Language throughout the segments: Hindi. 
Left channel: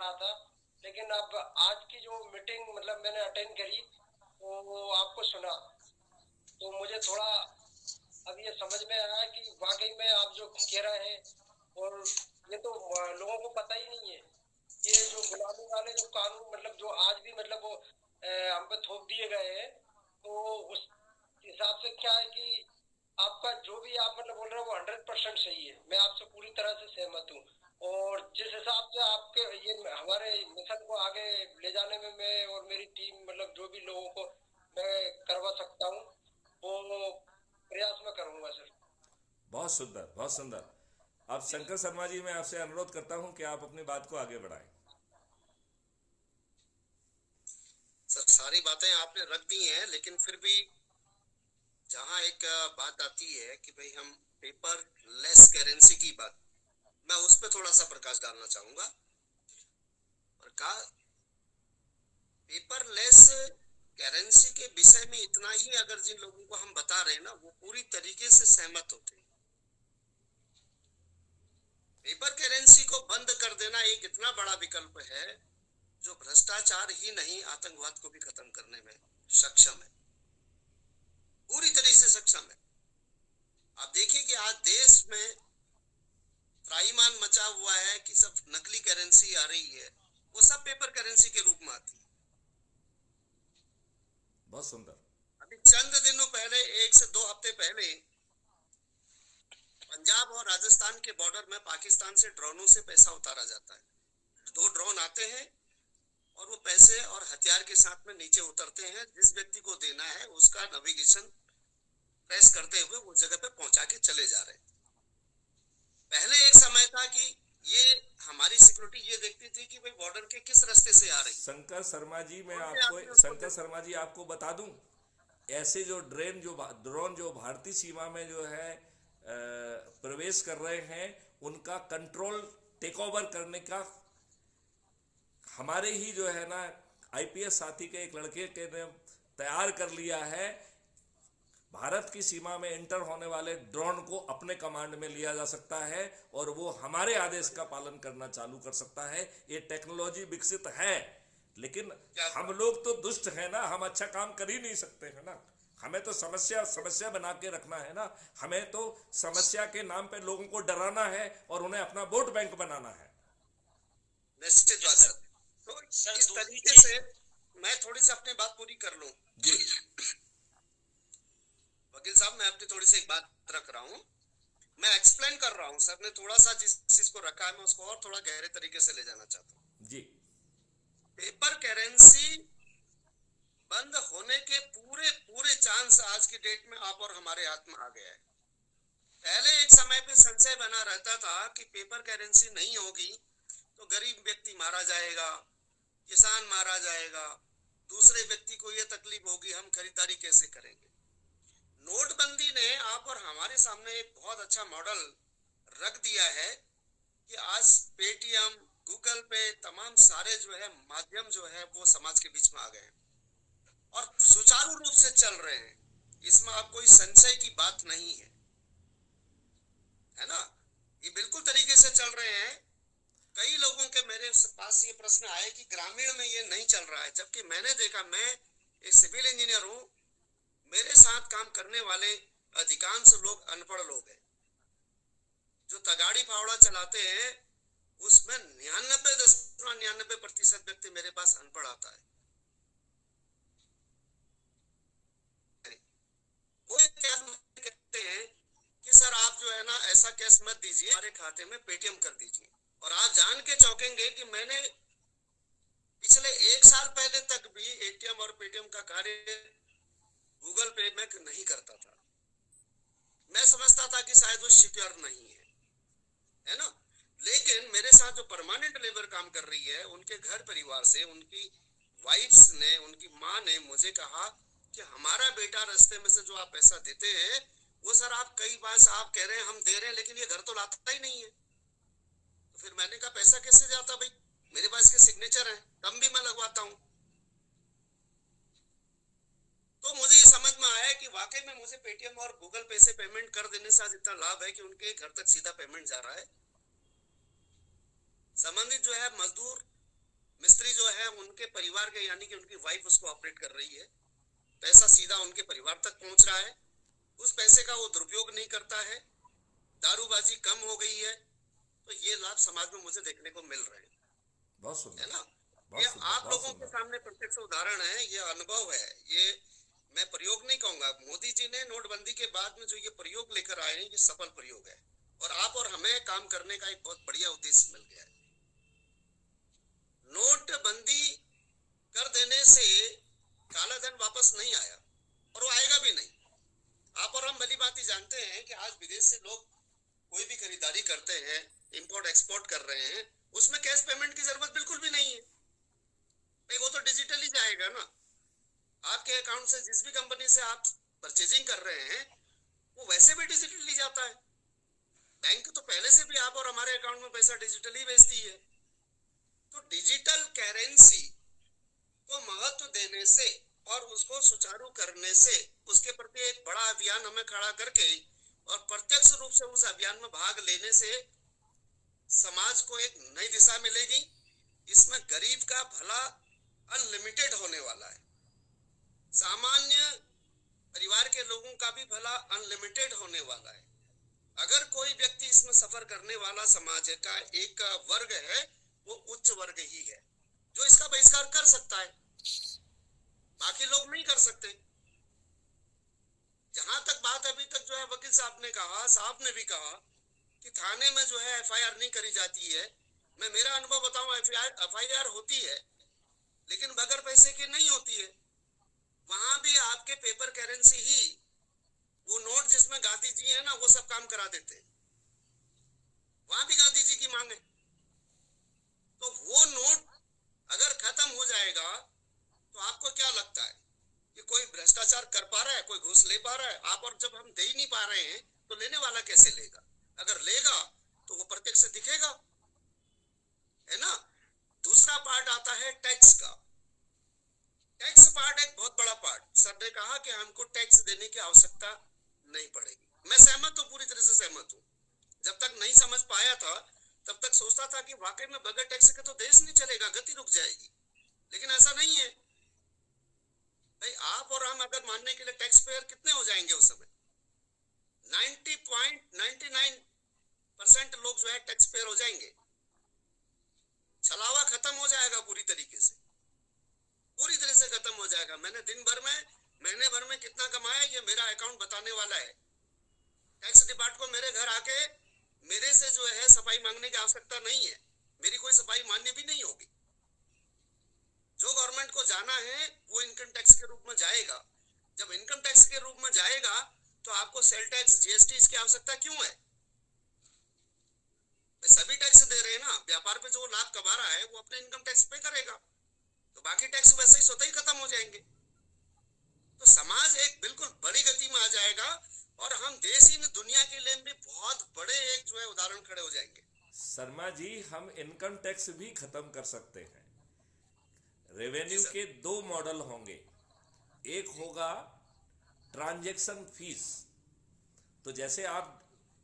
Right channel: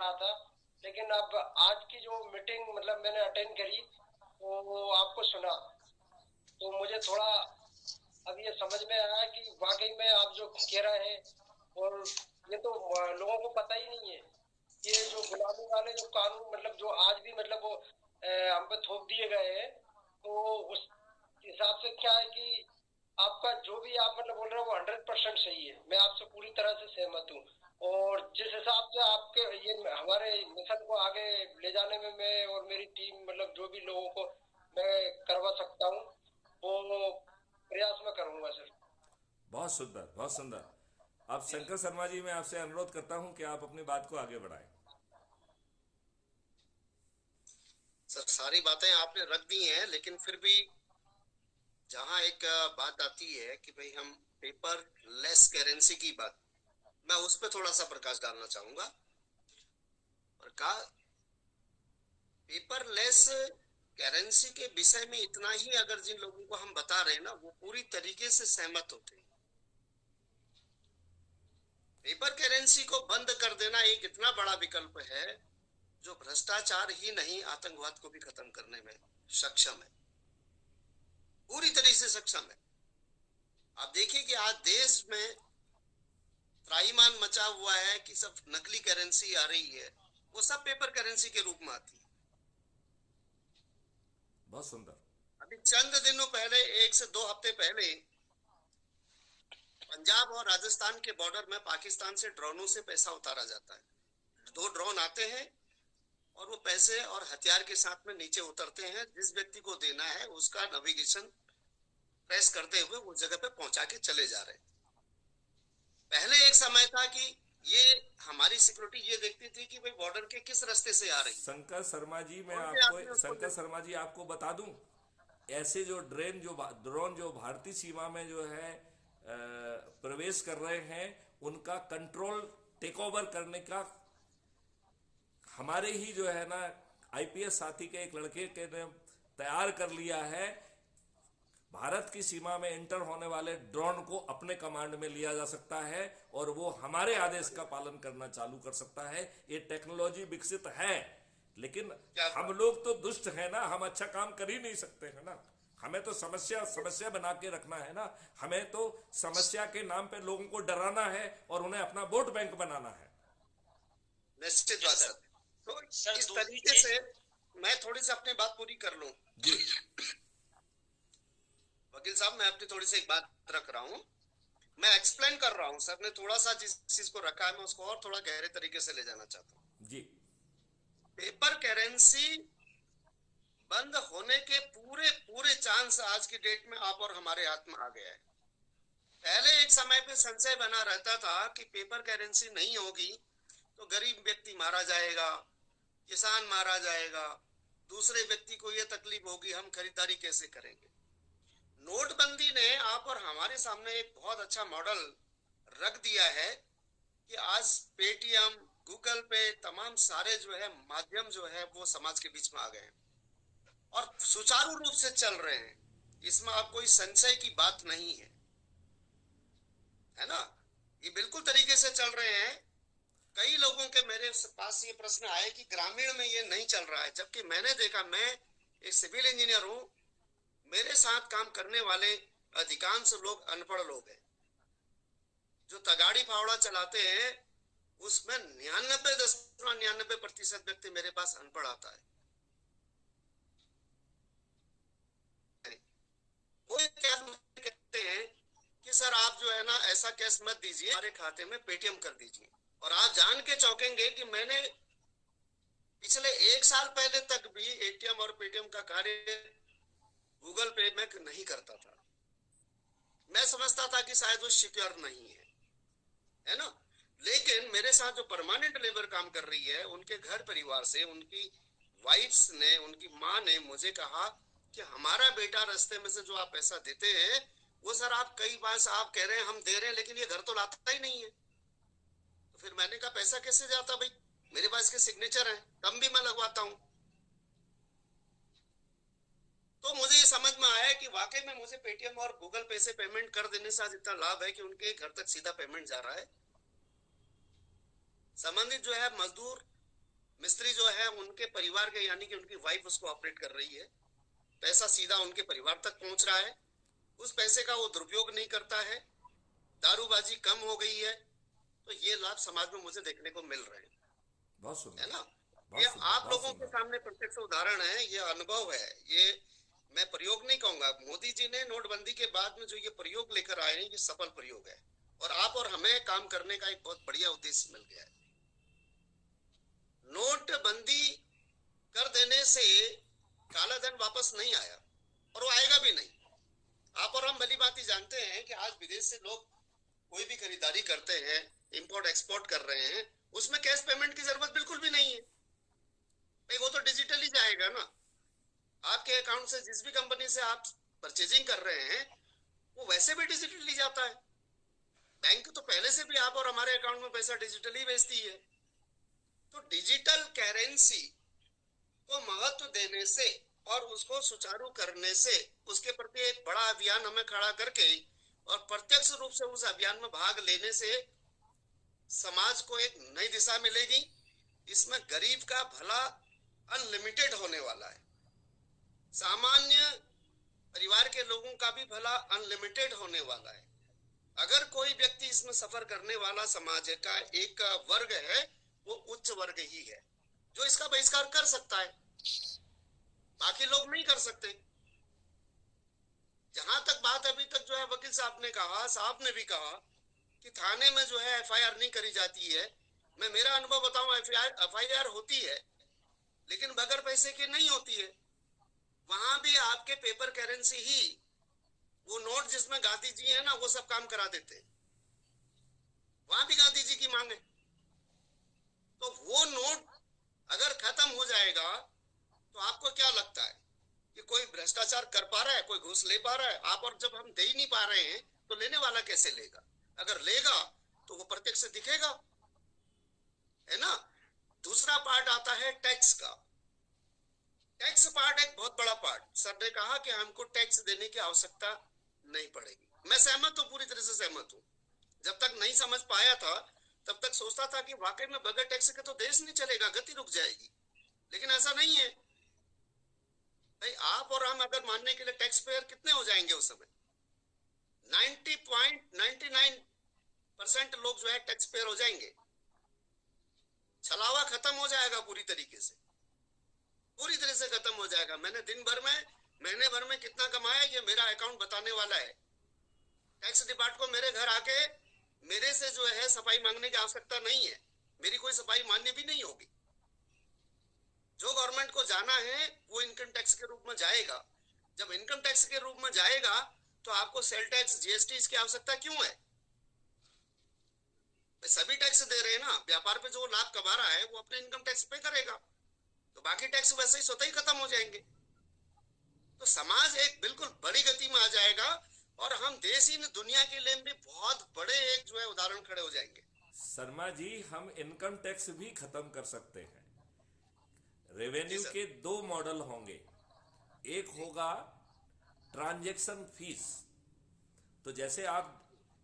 रहा था। लेकिन अब आज की जो मीटिंग मतलब मैंने अटेंड करी तो वो आपको सुना, तो मुझे थोड़ा अब ये समझ में आया कि वाकई में आप जो कह रहे हैं, और ये तो लोगों को पता ही नहीं है, ये जो गुलामी वाले जो कानून मतलब जो आज भी मतलब वो हम पे थोप दिए गए हैं, तो उस हिसाब से क्या है कि आपका जो भी आप मतलब बोल रहे हो वो 100% सही है, मैं आपसे पूरी तरह से सहमत हूँ। और जिस हिसाब से आपके ये हमारे मिशन को आगे ले जाने में मैं और मेरी टीम मतलब जो भी लोगों को मैं करवा सकता हूँ वो प्रयास में करूंगा सर। बहुत सुंदर, बहुत सुंदर। अब जी शंकर शर्मा जी, मैं आपसे अनुरोध करता हूं कि आप अपनी बात को आगे बढ़ाएं। सर, सारी बातें आपने रख दी हैं, लेकिन फिर भी जहां एक बात आती है कि भाई हम पेपर लेस करेंसी की बात, मैं उस पर थोड़ा सा प्रकाश डालना चाहूंगा। और का पेपर लेस करेंसी के विषय में इतना ही अगर जिन लोगों को हम बता रहे हैं ना, वो पूरी तरीके से सहमत होते हैं। पेपर करेंसी को बंद कर देना एक इतना बड़ा विकल्प है जो भ्रष्टाचार ही नहीं, आतंकवाद को भी खत्म करने में सक्षम है, पूरी तरह से सक्षम है। आप देखिए कि आज देश में त्राईमान मचा हुआ है कि सब नकली करेंसी आ रही है, वो सब पेपर करेंसी के रूप में आती है। बहुत सुंदर। अभी चंद दिनों पहले, 1 से 2 हफ्ते पहले, पंजाब और राजस्थान के बॉर्डर में पाकिस्तान से ड्रोनों से पैसा उतारा जाता है। 2 ड्रोन आते हैं और वो पैसे और हथियार के साथ में नीचे उतरते हैं। जिस व्यक्ति को देना है उसका नेविगेशन प्रेस करते हुए वो जगह पे पहुंचा के चले जा रहे हैं। पहले एक समय था कि ये हमारी सिक्योरिटी ये देखती थी कि भाई बॉर्डर के किस रास्ते से आ रही है, शंकर शर्मा जी, मैं कौन से आपको आदमी उसको शंकर शर्मा जी आपको बता दूं, ऐसे जो ड्रोन जो भारतीय सीमा में जो है प्रवेश कर रहे हैं, उनका कंट्रोल टेक ओवर करने का हमारे ही जो है ना आईपीएस साथी के एक लड़के के ने तैयार कर लिया है। भारत की सीमा में इंटर होने वाले ड्रोन को अपने कमांड में लिया जा सकता है और वो हमारे आदेश का पालन करना चालू कर सकता है। ये टेक्नोलॉजी विकसित है, लेकिन क्या हम बात। लोग तो दुष्ट है ना, हम अच्छा काम कर ही नहीं सकते है ना। हमें तो समस्या समस्या बना के रखना है ना। हमें तो समस्या के नाम पे लोगों को डराना है और उन्हें अपना वोट बैंक बनाना है। निश्चित जी बात सर। सर। तो सर इस तरीके दूसरी से मैं थोड़ी सी अपनी बात पूरी कर लूं। जी। वकील साहब, मैं अपनी थोड़ी सी एक बात रख रहा हूँ, मैं एक्सप्लेन कर रहा हूँ। सर ने थोड़ा सा जिस चीज को रखा है, मैं उसको और थोड़ा गहरे तरीके से ले जाना चाहता हूँ। जी। पेपर करेंसी बंद होने के पूरे पूरे चांस आज की डेट में आप और हमारे हाथ में आ गया है। पहले एक समय पे संशय बना रहता था कि पेपर करेंसी नहीं होगी तो गरीब व्यक्ति मारा जाएगा, किसान मारा जाएगा, दूसरे व्यक्ति को यह तकलीफ होगी, हम खरीदारी कैसे करेंगे। नोटबंदी ने आप और हमारे सामने एक बहुत अच्छा मॉडल रख दिया है कि आज पेटीएम, गूगल पे, तमाम सारे जो है माध्यम जो है वो समाज के बीच में आ गए हैं और सुचारू रूप से चल रहे हैं। इसमें अब कोई संशय की बात नहीं है, है ना। ये बिल्कुल तरीके से चल रहे हैं। कई लोगों के मेरे पास ये प्रश्न आए कि ग्रामीण में ये नहीं चल रहा है, जबकि मैंने देखा, मैं एक सिविल इंजीनियर हूँ, मेरे साथ काम करने वाले अधिकांश लोग अनपढ़ लोग हैं। जो तगाड़ी फावड़ा चलाते हैं उसमें 99.99% व्यक्ति मेरे पास अनपढ़ आता है। वो क्या कहते हैं कि सर आप जो है ना ऐसा कैश मत दीजिए, हमारे खाते में पेटीएम कर दीजिए। और आप जान के चौंकेंगे कि मैंने पिछले 1 साल पहले तक भी एटीएम और पेटीएम का कार्य गूगल पे में नहीं करता था। मैं समझता था कि शायद वो सिक्योर नहीं है ना। लेकिन मेरे साथ जो परमानेंट लेबर काम कर रही है, उनके घर परिवार से उनकी वाइफ्स ने, उनकी माँ ने मुझे कहा कि हमारा बेटा रास्ते में से जो आप पैसा देते हैं वो सर आप कई बार से आप कह रहे हैं हम दे रहे हैं, लेकिन ये घर तो लाता ही नहीं है। तो फिर मैंने कहा पैसा कैसे जाता भाई, मेरे पास के सिग्नेचर है, तब भी मैं लगवाता हूँ। तो मुझे ये समझ में आया कि वाकई में मुझे पेटीएम और गूगल पे से पेमेंट कर देने से आज इतना लाभ है कि उनके घर तक सीधा पेमेंट जा रहा है। संबंधित जो है मजदूर मिस्त्री जो है उनके परिवार के, यानी कि उनकी वाइफ उसको ऑपरेट कर रही है, पैसा सीधा उनके परिवार तक पहुंच रहा है, उस पैसे का वो दुरुपयोग नहीं करता है, दारूबाजी कम हो गई है। तो ये लाभ समाज में मुझे देखने को मिल रहे हैं, बहुत सुंदर, है ना। बहुत ये सुंदर, आप बहुत लोगों के सुंदर। सामने प्रत्यक्ष उदाहरण है, ये अनुभव है, ये मैं प्रयोग नहीं कहूंगा। मोदी जी ने नोटबंदी के बाद में जो ये प्रयोग लेकर आए हैं, ये सफल प्रयोग है, और आप और हमें काम करने का एक बहुत बढ़िया उद्देश्य मिल गया है। नोटबंदी कर देने से काला धन वापस नहीं आया, और वो आएगा भी नहीं। आप और हम भली भांति जानते हैं कि आज विदेश से लोग कोई भी खरीदारी करते हैं, इंपोर्ट एक्सपोर्ट कर रहे हैं, उसमें कैश पेमेंट की जरूरत बिल्कुल भी नहीं है भाई, वो तो डिजिटली जाएगा ना। आपके अकाउंट से जिस भी कंपनी से आप परचेजिंग कर रहे हैं, वो वैसे भी डिजिटली जाता है। बैंक तो पहले से भी आप और हमारे अकाउंट में पैसा डिजिटली भेजती है। तो डिजिटल करेंसी को महत्व देने से और उसको सुचारू करने से, उसके प्रति एक बड़ा अभियान हमें खड़ा करके और प्रत्यक्ष रूप से उस अभियान में भाग लेने से समाज को एक नई दिशा मिलेगी। इसमें गरीब का भला अनलिमिटेड होने वाला है, सामान्य परिवार के लोगों का भी भला अनलिमिटेड होने वाला है। अगर कोई व्यक्ति इसमें सफर करने वाला समाज का एक वर्ग है, वो उच्च वर्ग ही है, जो इसका बहिष्कार कर सकता है, बाकी लोग नहीं कर सकते। जहां तक बात अभी तक जो है वकील साहब ने कहा, साहब ने भी कहा कि थाने में जो है एफआईआर नहीं करी जाती है। मैं मेरा अनुभव बताऊं, एफआईआर होती है लेकिन बगैर पैसे की नहीं होती है। वहां भी आपके पेपर करेंसी ही, वो नोट जिसमें गांधी जी है ना, वो सब काम करा देते, वहां भी गांधी जी की मांग है। तो वो नोट अगर खत्म हो जाएगा तो आपको क्या लगता है कि कोई भ्रष्टाचार कर पा रहा है, कोई घूस ले पा रहा है? आप और जब हम दे ही नहीं पा रहे हैं तो लेने वाला कैसे लेगा? अगर लेगा तो वो प्रत्यक्ष से दिखेगा, है ना। दूसरा पार्ट आता है टैक्स का। टैक्स पार्ट एक बहुत बड़ा पार्ट। सर ने कहा कि हमको टैक्स देने की आवश्यकता नहीं पड़ेगी। मैं सहमत हूं, पूरी तरह से सहमत हूं। जब तक नहीं समझ पाया था तब तक सोचता था कि वाकई में बगैर टैक्स के तो देश नहीं चलेगा, गति रुक जाएगी। लेकिन ऐसा नहीं है भाई। आप और हम अगर मानने के लिए टैक्स पेयर कितने हो जाएंगे उस समय? 90.99% लोग जो है टैक्स पेयर हो जाएंगे। छलावा खत्म हो जाएगा पूरी तरीके से, पूरी तरह से खत्म हो जाएगा। मैंने दिन भर में, महीने भर में कितना कमाया ये मेरा अकाउंट बताने वाला है। टैक्स डिपार्टमेंट को मेरे घर आके मेरे से जो है सफाई मांगने की आवश्यकता नहीं है, मेरी कोई सफाई मान्य भी नहीं होगी। जो गवर्नमेंट को जाना है वो इनकम टैक्स के रूप में जाएगा। जब इनकम टैक्स के रूप में जाएगा तो आपको सेल टैक्स, जीएसटी इसकी आवश्यकता क्यों है? सभी टैक्स दे रहे हैं ना। व्यापार पे जो लाभ कमा रहा है वो अपने इनकम टैक्स पे करेगा, तो बाकी टैक्स वैसे ही स्वतः ही खत्म हो जाएंगे। तो समाज एक बिल्कुल बड़ी गति में आ जाएगा और हम देश ही दुनिया के लिए भी बहुत बड़े एक जो है उदाहरण खड़े हो जाएंगे। शर्मा जी, हम इनकम टैक्स भी खत्म कर सकते हैं। जी रेवेन्यू सर। के दो मॉडल होंगे। एक होगा ट्रांजैक्शन फीस। तो जैसे आप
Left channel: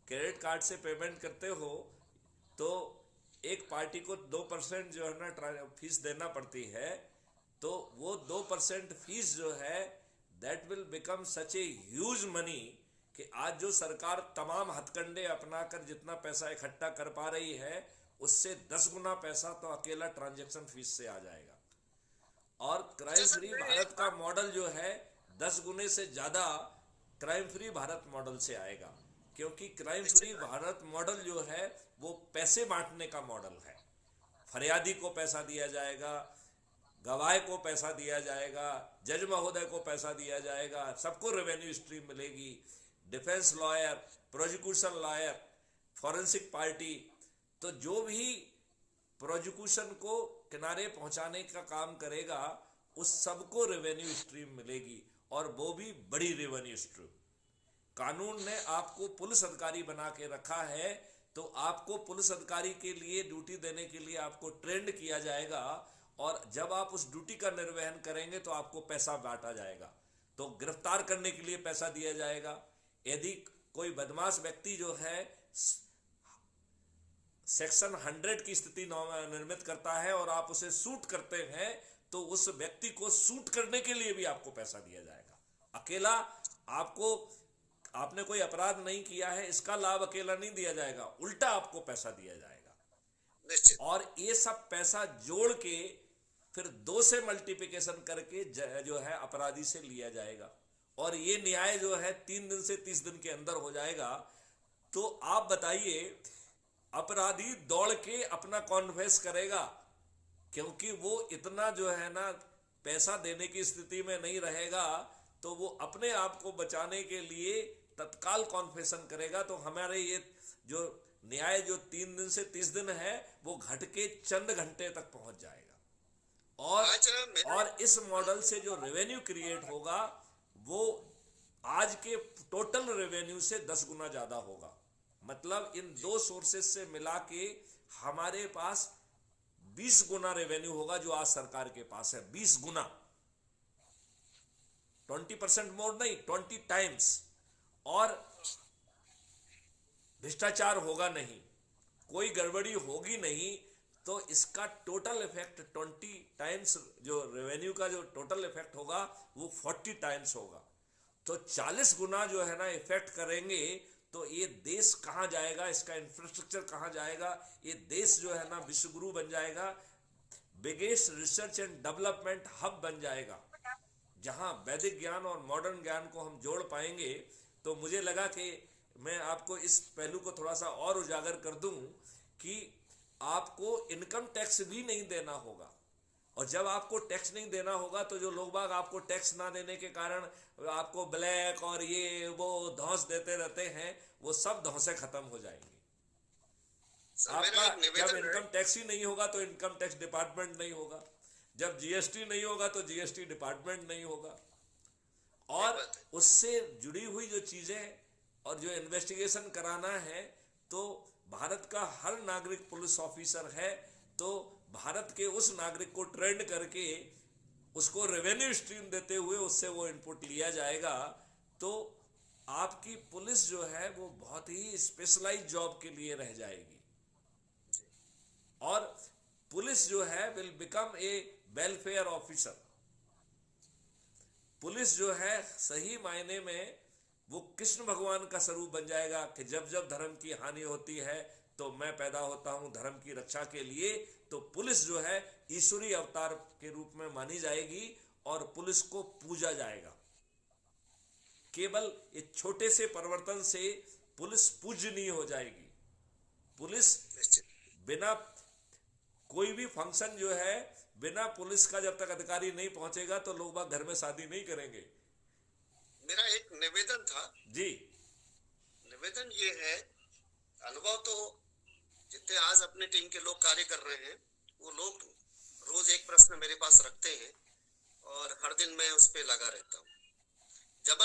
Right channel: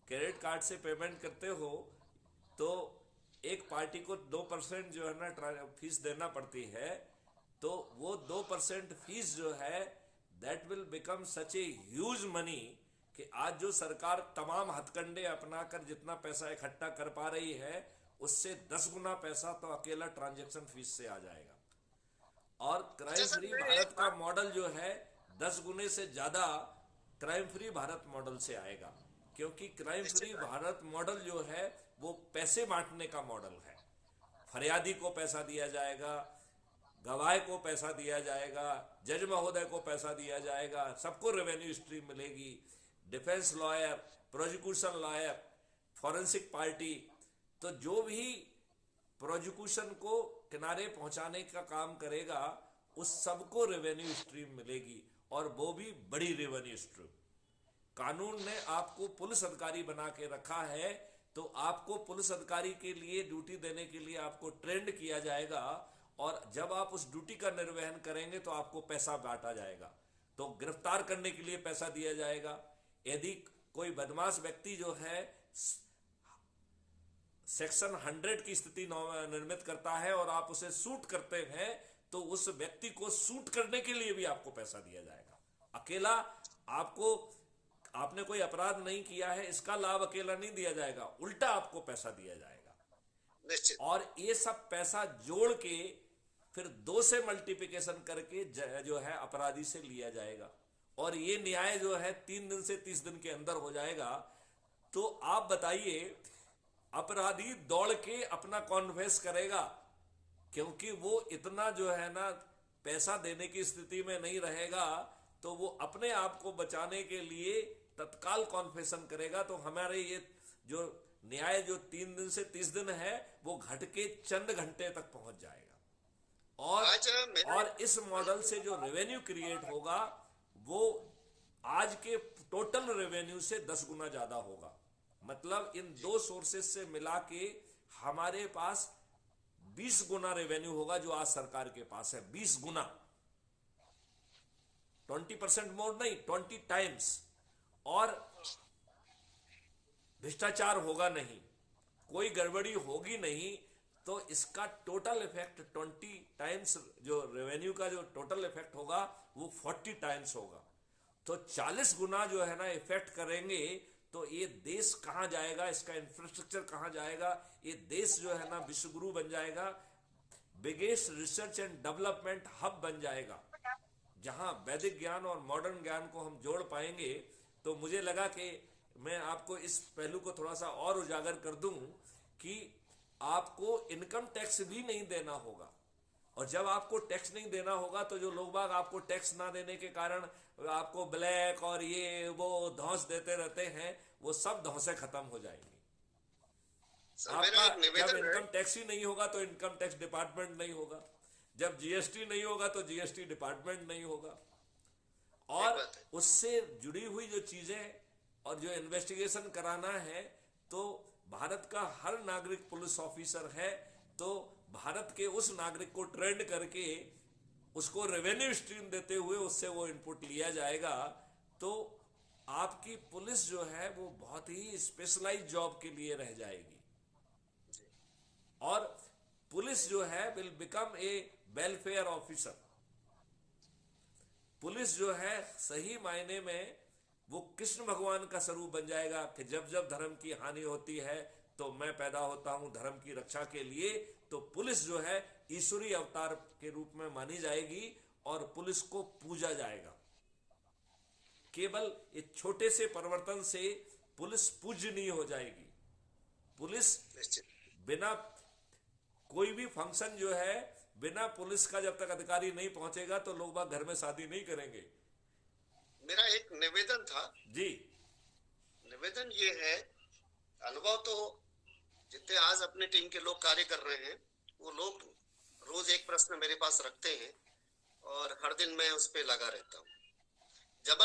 क्रेडिट कार्ड से पेमेंट करते हो तो एक पार्टी को 2% जो है ना फीस देना पड़ती है, तो वो 2% फीस जो है that will become such a huge money कि आज जो सरकार तमाम हथकंडे अपनाकर जितना पैसा इकट्ठा कर पा रही है उससे 10 गुना पैसा तो अकेला ट्रांजैक्शन फीस से आ जाएगा। और क्राइम अच्छा सर, फ्री मैं एक भारत का बात, मॉडल जो है 10 गुने से ज्यादा क्राइम फ्री भारत मॉडल से आएगा, क्योंकि क्राइम फ्री निश्चित भारत मॉडल जो है वो पैसे बांटने का मॉडल है। फरियादी को पैसा दिया जाएगा, गवाह को पैसा दिया जाएगा, जज महोदय को पैसा दिया जाएगा, सबको रेवेन्यू स्ट्रीम मिलेगी। Defence lawyer, prosecution lawyer, forensic party, तो जो भी प्रोसिक्यूशन को किनारे पहुंचाने का काम करेगा उस सबको रेवेन्यू स्ट्रीम मिलेगी, और वो भी बड़ी रेवेन्यू स्ट्रीम। कानून ने आपको पुलिस अधिकारी बना के रखा है, तो आपको पुलिस अधिकारी के लिए ड्यूटी देने के लिए आपको ट्रेंड किया जाएगा, और जब आप उस ड्यूटी का निर्वहन करेंगे तो आपको पैसा बांटा जाएगा। तो गिरफ्तार करने के लिए पैसा दिया जाएगा। यदि कोई बदमाश व्यक्ति जो है सेक्शन 100 की स्थिति निर्मित करता है और आप उसे सूट करते हैं तो उस व्यक्ति को सूट करने के लिए भी आपको पैसा दिया जाएगा। अकेला आपको, आपने कोई अपराध नहीं किया है इसका लाभ अकेला नहीं दिया जाएगा, उल्टा आपको पैसा दिया जाएगा। और ये सब पैसा जोड़ के फिर 2 से मल्टीप्लिकेशन करके जो है अपराधी से लिया जाएगा और ये न्याय जो है 3 दिन से 30 दिन के अंदर हो जाएगा। तो आप बताइए, अपराधी दौड़ के अपना कॉन्फेस करेगा क्योंकि वो इतना जो है ना पैसा देने की स्थिति में नहीं रहेगा, तो वो अपने आप को बचाने के लिए तत्काल कॉन्फेशन करेगा। तो हमारे ये जो न्याय जो 3 दिन से 30 दिन है वो घट के चंद घंटे तक पहुंच जाएगा। और इस मॉडल से जो रेवेन्यू क्रिएट होगा वो आज के टोटल रेवेन्यू से 10 गुना ज्यादा होगा। मतलब इन 2 सोर्सेस से मिला के हमारे पास 20 गुना रेवेन्यू होगा जो आज सरकार के पास है। 20 गुना, 20% मोर नहीं, 20 टाइम्स। और भ्रष्टाचार होगा नहीं, कोई गड़बड़ी होगी नहीं, तो इसका टोटल इफेक्ट 20 टाइम्स, जो रेवेन्यू का जो टोटल इफेक्ट होगा वो 40 टाइम्स होगा। तो 40 गुना जो है ना इफेक्ट करेंगे। तो ये देश कहां जाएगा, इसका इंफ्रास्ट्रक्चर कहां जाएगा, ये देश जो है ना विश्वगुरु बन जाएगा, biggest research and development hub बन जाएगा, जहां वैदिक ज्ञान और मॉडर्न ज्ञान को हम जोड़ पाएंगे। तो मुझे लगा कि मैं आपको इस पहलू को थोड़ा सा और उजागर कर दूं कि आपको इनकम टैक्स भी नहीं देना होगा। और जब आपको टैक्स नहीं देना होगा तो जो लोग बाग आपको टैक्स ना देने के कारण आपको ब्लैक और ये वो धौंस देते रहते हैं, वो सब धौंसे खत्म हो जाएंगी। आपका जब इनकम टैक्स ही नहीं होगा तो इनकम टैक्स डिपार्टमेंट नहीं होगा, जब जीएसटी नहीं होगा तो जीएसटी डिपार्टमेंट नहीं होगा। और उससे जुड़ी हुई जो चीजें और जो इन्वेस्टिगेशन कराना है, तो भारत का हर नागरिक पुलिस ऑफिसर है, तो भारत के उस नागरिक को ट्रेंड करके उसको रेवेन्यू स्ट्रीम देते हुए उससे वो इनपुट लिया जाएगा। तो आपकी पुलिस जो है वो बहुत ही स्पेशलाइज्ड जॉब के लिए रह जाएगी और पुलिस जो है will become a welfare officer. Police जो है सही मायने में वो कृष्ण भगवान का स्वरूप बन जाएगा कि जब जब धर्म की हानि होती है तो मैं पैदा होता हूं धर्म की रक्षा के लिए। तो पुलिस जो है ईश्वरीय अवतार के रूप में मानी जाएगी और पुलिस को पूजा जाएगा। केवल एक छोटे से परिवर्तन से पुलिस पूजनीय हो जाएगी। पुलिस बिना कोई भी फंक्शन जो है बिना पुलिस का जब तक अधिकारी नहीं पहुंचेगा तो लोग बाग घर में शादी नहीं करेंगे। मेरा एक निवेदन था जी, निवेदन ये है, अनुभव तो जितने आज अपने टीम के लोग कार्य कर रहे हैं वो लोग रोज एक प्रश्न मेरे पास रखते हैं और हर दिन मैं उस पे लगा रहता हूँ।